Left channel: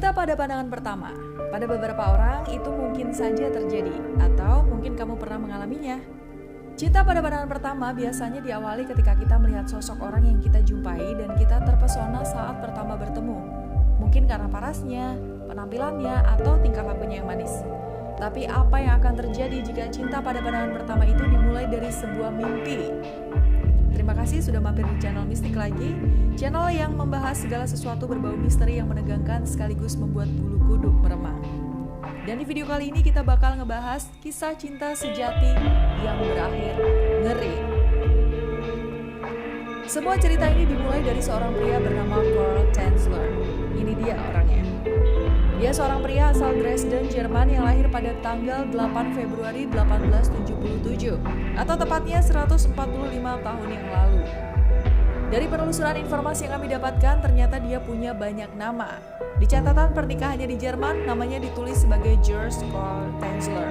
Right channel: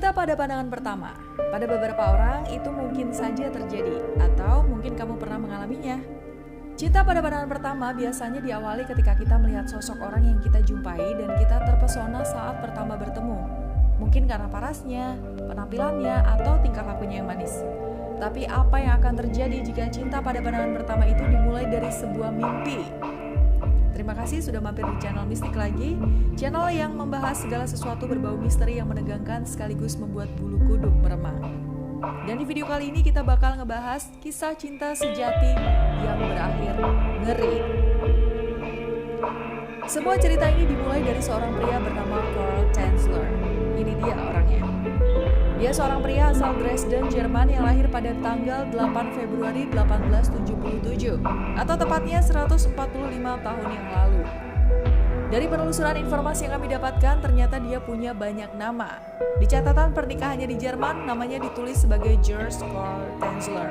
Cinta pada pandangan pertama. Pada beberapa orang itu mungkin saja terjadi, atau mungkin kamu pernah mengalaminya. Cinta pada pandangan pertama biasanya diawali ketika kita melihat sosok orang yang kita jumpai dan kita terpesona saat pertama bertemu. Mungkin karena parasnya, penampilannya, atau tingkah lakunya yang manis. Tapi apa yang akan terjadi jika cinta pada pandangan pertama itu dimulai dari sebuah mimpi? Terima kasih sudah mampir di channel Mistik Lagi, channel yang membahas segala sesuatu berbau misteri yang menegangkan sekaligus membuat bulu kuduk meremang. Dan di video kali ini kita bakal ngebahas kisah cinta sejati yang berakhir ngeri. Semua cerita ini dimulai dari seorang pria bernama Karl Tanzler. Ini dia orangnya. Dia seorang pria asal Dresden, Jerman yang lahir pada tanggal 8 Februari 1877, atau tepatnya 145 tahun yang lalu. Dari penelusuran informasi yang kami dapatkan, ternyata dia punya banyak nama. Di catatan pernikahannya di Jerman, namanya ditulis sebagai Georg Karl Tanzler.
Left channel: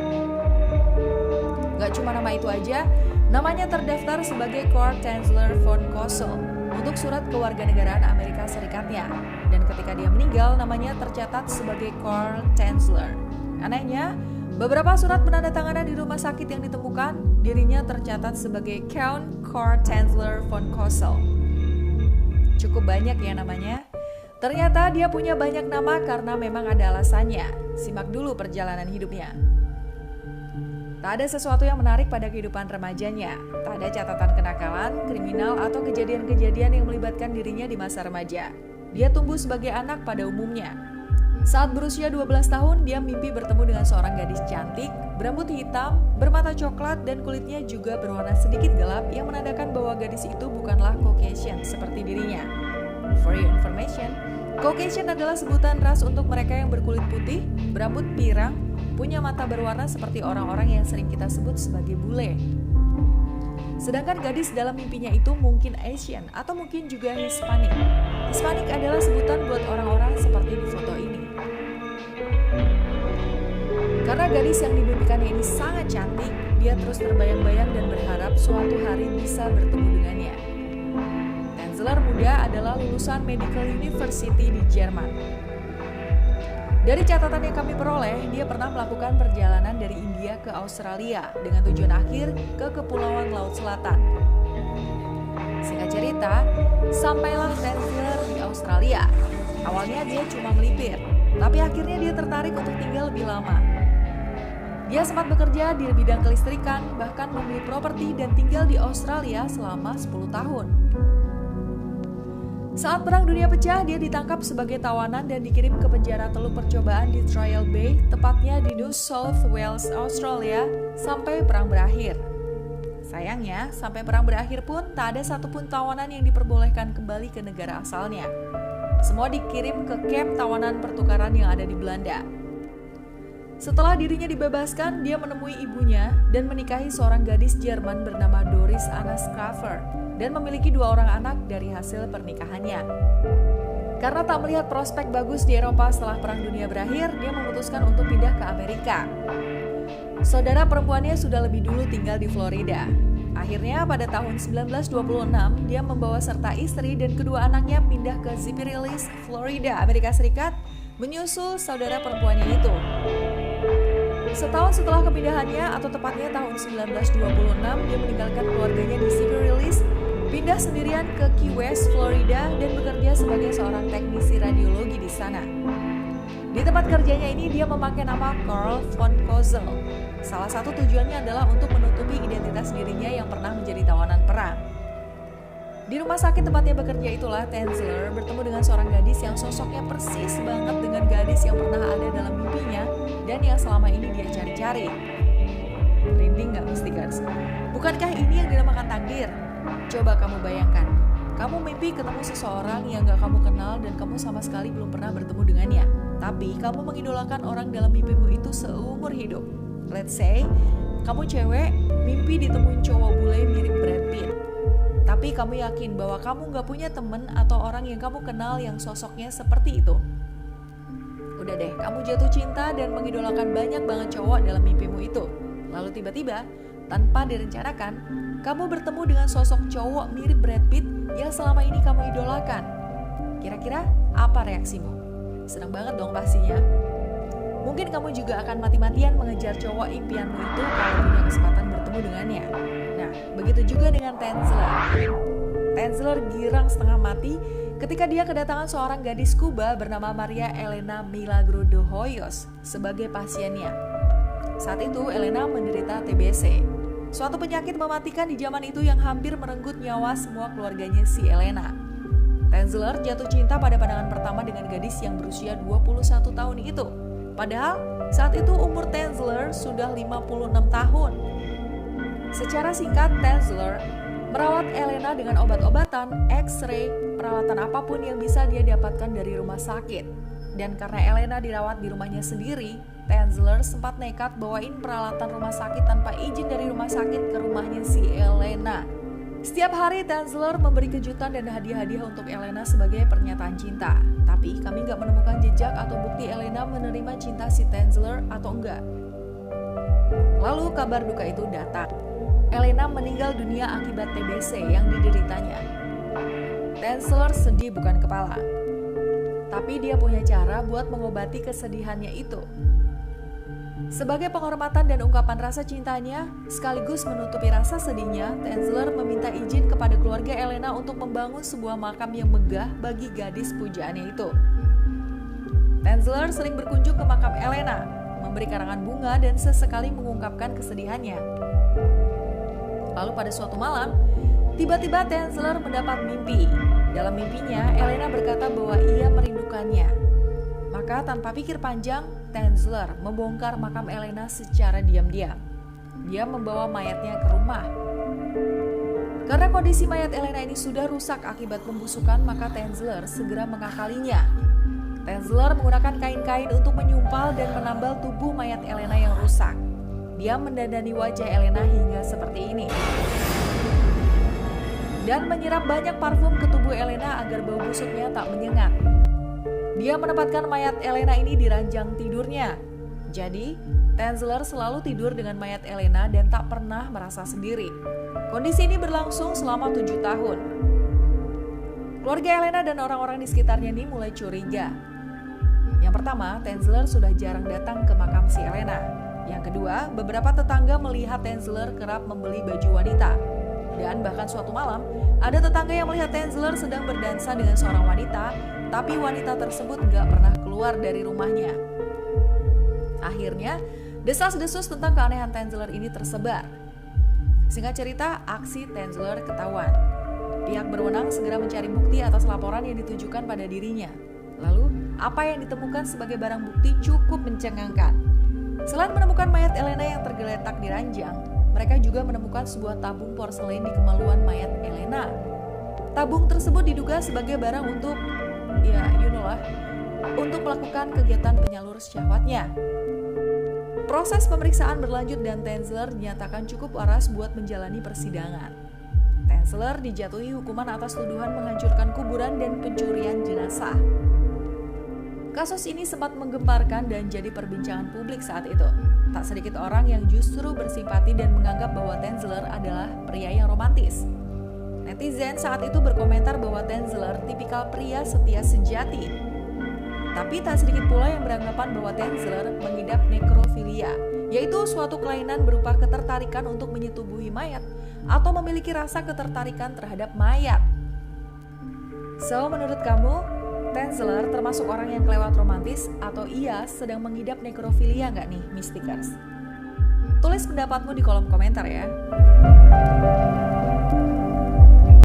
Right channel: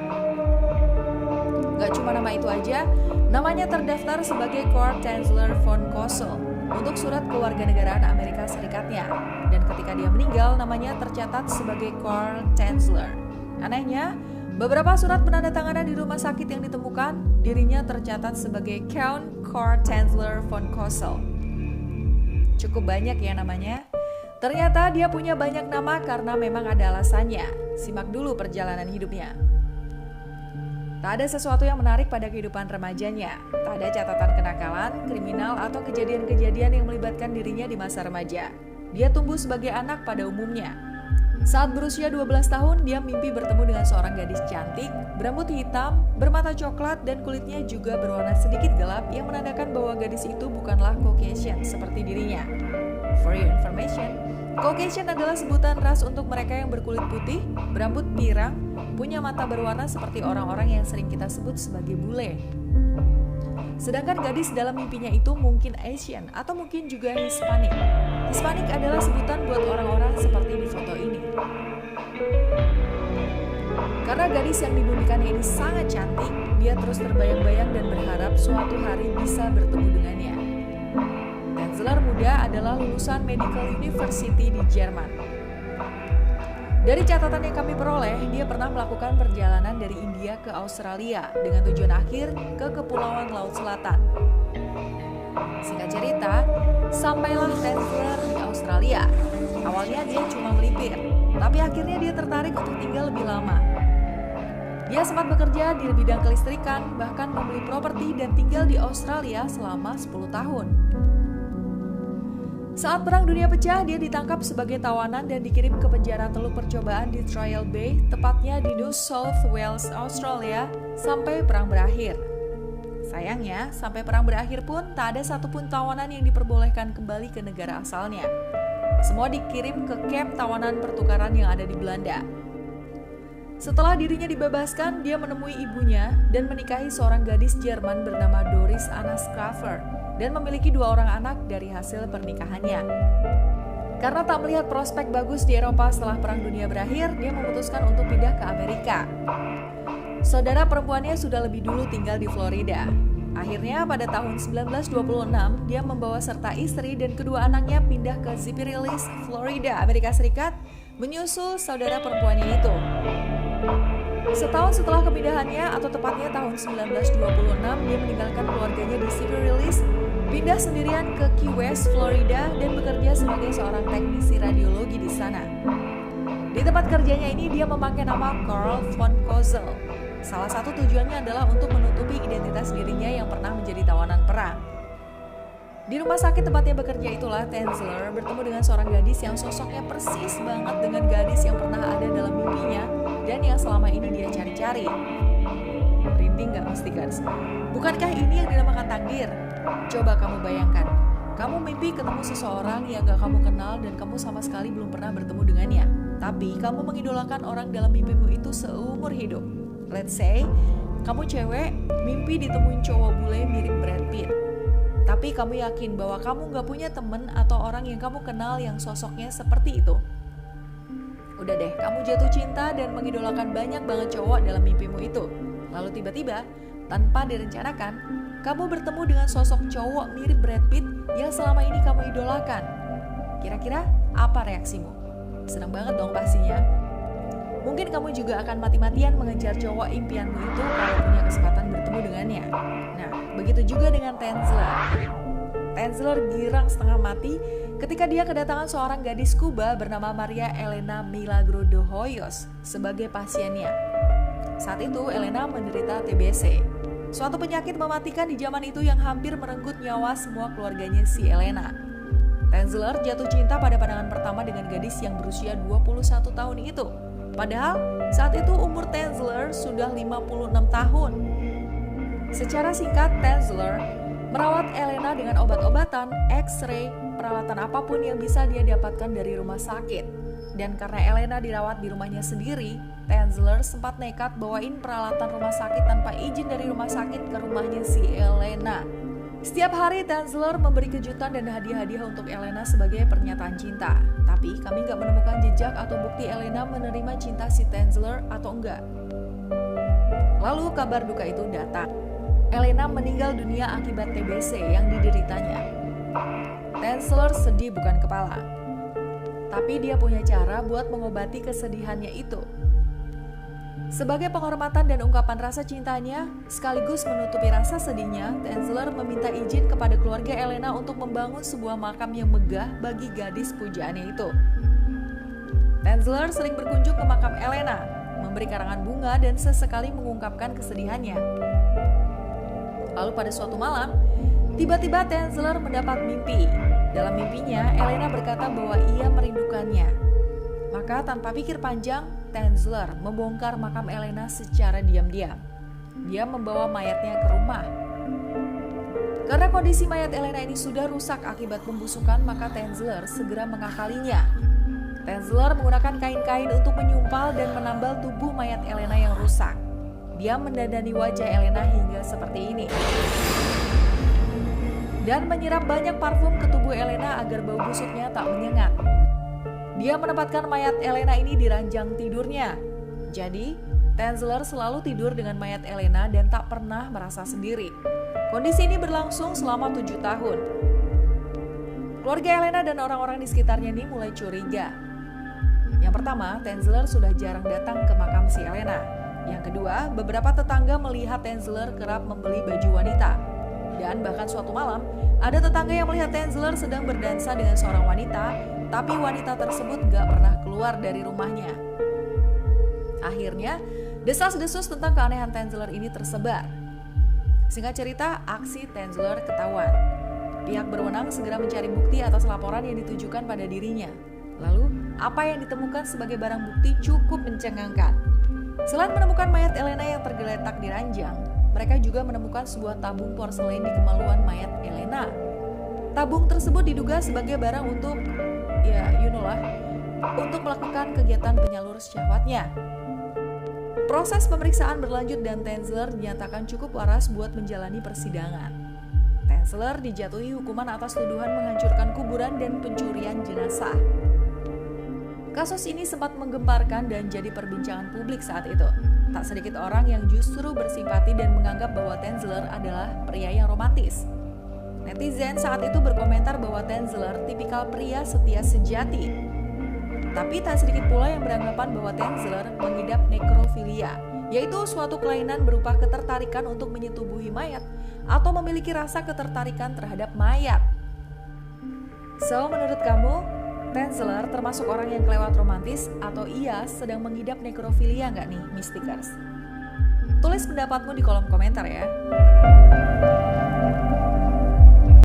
Gak cuma nama itu aja, namanya terdaftar sebagai Karl Tanzler von Cosel untuk surat kewarganegaraan Amerika Serikatnya. Dan ketika dia meninggal, namanya tercatat sebagai Karl Tanzler. Anehnya, beberapa surat penandatanganan di rumah sakit yang ditemukan, dirinya tercatat sebagai Count Karl Tanzler von Cosel. Cukup banyak ya namanya. Ternyata dia punya banyak nama karena memang ada alasannya. Simak dulu perjalanan hidupnya. Tak ada sesuatu yang menarik pada kehidupan remajanya. Tak ada catatan kenakalan, kriminal, atau kejadian-kejadian yang melibatkan dirinya di masa remaja. Dia tumbuh sebagai anak pada umumnya. Saat berusia 12 tahun, dia mimpi bertemu dengan seorang gadis cantik, berambut hitam, bermata coklat, dan kulitnya juga berwarna sedikit gelap yang menandakan bahwa gadis itu bukanlah Caucasian seperti dirinya. For your information, Caucasian adalah sebutan ras untuk mereka yang berkulit putih, berambut pirang, punya mata berwarna seperti orang-orang yang sering kita sebut sebagai bule. Sedangkan gadis dalam mimpinya itu mungkin Asian atau mungkin juga Hispanic. Hispanic adalah sebutan buat orang-orang seperti di foto ini. Karena gadis yang dimimpikannya ini sangat cantik, dia terus terbayang-bayang dan berharap suatu hari bisa bertemu dengannya. Tanzler muda adalah lulusan Medical University di Jerman. Dari catatan yang kami peroleh, dia pernah melakukan perjalanan dari India ke Australia dengan tujuan akhir ke Kepulauan Laut Selatan. Singkat cerita, sampailah Tanzler di Australia. Awalnya dia cuma melipir, tapi akhirnya dia tertarik untuk tinggal lebih lama. Dia sempat bekerja di bidang kelistrikan, bahkan membeli properti dan tinggal di Australia selama 10 tahun. Saat Perang Dunia pecah, dia ditangkap sebagai tawanan dan dikirim ke penjara Teluk Percobaan di Trial Bay, tepatnya di New South Wales, Australia, sampai perang berakhir. Sayangnya, sampai perang berakhir pun tak ada satupun tawanan yang diperbolehkan kembali ke negara asalnya. Semua dikirim ke kamp tawanan pertukaran yang ada di Belanda. Setelah dirinya dibebaskan, dia menemui ibunya dan menikahi seorang gadis Jerman bernama Doris Anna Schrafer dan memiliki 2 orang anak dari hasil pernikahannya. Karena tak melihat prospek bagus di Eropa setelah Perang Dunia berakhir, dia memutuskan untuk pindah ke Amerika. Saudara perempuannya sudah lebih dulu tinggal di Florida. Akhirnya pada tahun 1926, dia membawa serta istri dan kedua anaknya pindah ke Zipperillis, Florida, Amerika Serikat, menyusul saudara perempuannya itu. Setahun setelah kepindahannya, atau tepatnya tahun 1926, dia meninggalkan keluarganya di Zipperillis, pindah sendirian ke Key West, Florida, dan bekerja sebagai seorang teknisi radiologi di sana. Di tempat kerjanya ini, dia memakai nama Karl von Cosel. Salah satu tujuannya adalah untuk menutupi identitas dirinya yang pernah menjadi tawanan perang. Di rumah sakit tempatnya bekerja itulah Tanzler bertemu dengan seorang gadis yang sosoknya persis banget dengan gadis yang pernah ada dalam mimpinya dan yang selama ini dia cari-cari. Merinding gak Mystikers? Bukankah ini yang dinamakan takdir? Coba kamu bayangkan, kamu mimpi ketemu seseorang yang gak kamu kenal dan kamu sama sekali belum pernah bertemu dengannya. Tapi kamu mengidolakan orang dalam mimpimu itu seumur hidup. Let's say, kamu cewek, mimpi ditemuin cowok bule mirip Brad Pitt. Tapi kamu yakin bahwa kamu gak punya temen atau orang yang kamu kenal yang sosoknya seperti itu. Udah deh, kamu jatuh cinta dan mengidolakan banyak banget cowok dalam mimpimu itu. Lalu tiba-tiba, tanpa direncanakan, kamu bertemu dengan sosok cowok mirip Brad Pitt yang selama ini kamu idolakan. Kira-kira apa reaksimu? Senang banget dong pastinya. Mungkin kamu juga akan mati-matian mengejar cowok impianmu itu kalau punya kesempatan bertemu dengannya. Nah, begitu juga dengan Tenzler. Tenzler girang setengah mati ketika dia kedatangan seorang gadis Kuba bernama Maria Elena Milagro de Hoyos sebagai pasiennya. Saat itu Elena menderita TBC, suatu penyakit mematikan di zaman itu yang hampir merenggut nyawa semua keluarganya si Elena. Tenzler jatuh cinta pada pandangan pertama dengan gadis yang berusia 21 tahun itu. Padahal saat itu umur Tenzler sudah 56 tahun. Secara singkat, Tenzler merawat Elena dengan obat-obatan, X-ray, peralatan apapun yang bisa dia dapatkan dari rumah sakit. Dan karena Elena dirawat di rumahnya sendiri, Tenzler sempat nekat bawain peralatan rumah sakit tanpa izin dari rumah sakit ke rumahnya si Elena. Setiap hari Tenzler memberi kejutan dan hadiah-hadiah untuk Elena sebagai pernyataan cinta. Tapi kami nggak menemukan jejak atau bukti Elena menerima cinta si Tenzler atau enggak. Lalu kabar duka itu datang. Elena meninggal dunia akibat TBC yang dideritanya. Tenzler sedih bukan kepala. Tapi dia punya cara buat mengobati kesedihannya itu. Sebagai penghormatan dan ungkapan rasa cintanya, sekaligus menutupi rasa sedihnya, Tenzler meminta izin kepada keluarga Elena untuk membangun sebuah makam yang megah bagi gadis pujaannya itu. Tenzler sering berkunjung ke makam Elena, memberi karangan bunga dan sesekali mengungkapkan kesedihannya. Lalu pada suatu malam, tiba-tiba Tenzler mendapat mimpi. Dalam mimpinya, Elena berkata bahwa ia merindukannya. Maka tanpa pikir panjang, Tenzler membongkar makam Elena secara diam-diam. Dia membawa mayatnya ke rumah. Karena kondisi mayat Elena ini sudah rusak akibat pembusukan, maka Tenzler segera mengakalinya. Tenzler menggunakan kain-kain untuk menyumpal dan menambal tubuh mayat Elena yang rusak. Dia mendandani wajah Elena hingga seperti ini. Dan menyirap banyak parfum ke tubuh Elena agar bau busuknya tak menyengat. Dia menempatkan mayat Elena ini di ranjang tidurnya. Jadi, Tenzler selalu tidur dengan mayat Elena dan tak pernah merasa sendiri. Kondisi ini berlangsung selama 7 tahun. Keluarga Elena dan orang-orang di sekitarnya ini mulai curiga. Yang pertama, Tenzler sudah jarang datang ke makam si Elena. Yang kedua, beberapa tetangga melihat Tenzler kerap membeli baju wanita. Dan bahkan suatu malam, ada tetangga yang melihat Tenzler sedang berdansa dengan seorang wanita, tapi wanita tersebut gak pernah keluar dari rumahnya. Akhirnya, desas-desus tentang keanehan Tenzler ini tersebar. Singkat cerita, aksi Tenzler ketahuan. Pihak berwenang segera mencari bukti atas laporan yang ditujukan pada dirinya. Lalu, apa yang ditemukan sebagai barang bukti cukup mencengangkan. Selain menemukan mayat Elena yang tergeletak di ranjang, mereka juga menemukan sebuah tabung porselen di kemaluan mayat Elena. Tabung tersebut diduga sebagai barang untuk untuk melakukan kegiatan penyalur syahwatnya. Proses pemeriksaan berlanjut dan Tenzler dinyatakan cukup waras buat menjalani persidangan. Tenzler dijatuhi hukuman atas tuduhan menghancurkan kuburan dan pencurian jenazah. Kasus ini sempat menggemparkan dan jadi perbincangan publik saat itu. Tak sedikit orang yang justru bersimpati dan menganggap bahwa Tenzler adalah pria yang romantis. Netizen saat itu berkomentar bahwa Tenzler tipikal pria setia sejati. Tapi tak sedikit pula yang beranggapan bahwa Tenzler mengidap nekrofilia, yaitu suatu kelainan berupa ketertarikan untuk menyetubuhi mayat atau memiliki rasa ketertarikan terhadap mayat. So, menurut kamu, Tenzler termasuk orang yang kelewat romantis atau ia sedang mengidap nekrofilia nggak nih, Mystikers? Tulis pendapatmu di kolom komentar ya.